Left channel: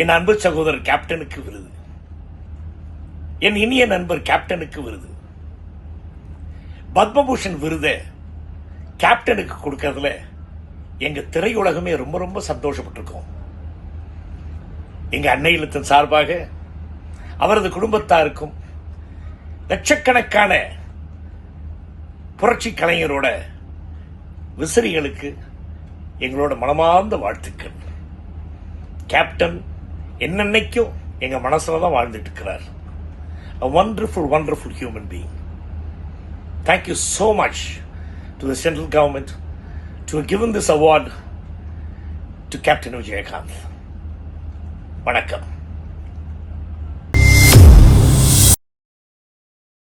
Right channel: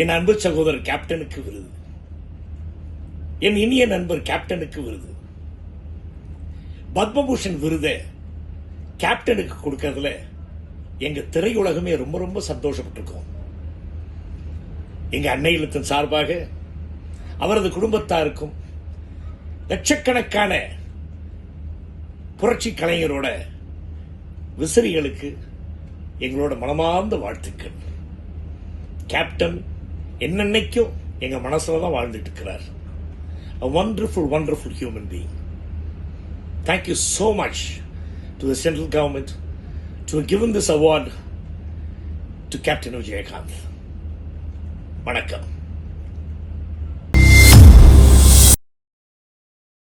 என் அன்பு சகோதரர் கேப்டனுக்கு விருது. என் இனிய நண்பர் கேப்டனுக்கு விருது. பத்மபூஷன் விருதை கேப்டனுக்கு கொடுக்கறதுல எங்க திரையுலகமே ரொம்ப ரொம்ப சந்தோஷப்பட்டிருக்கோம். எங்க அன்னை இல்லத்தின் சார்பாக அவரது குடும்பத்தாருக்கும் லட்சக்கணக்கான புரட்சி கலைஞரோட விசிறிகளுக்கு எங்களோட மனமார்ந்த வாழ்த்துக்கள். கேப்டன் என்னன்னைக்கும் எங்க மனசுல தான் வாழ்ந்துட்டு இருக்கிறார் a wonderful wonderful human being thank you so much to the central government to have given this award to captain vijayakanth வணக்கம்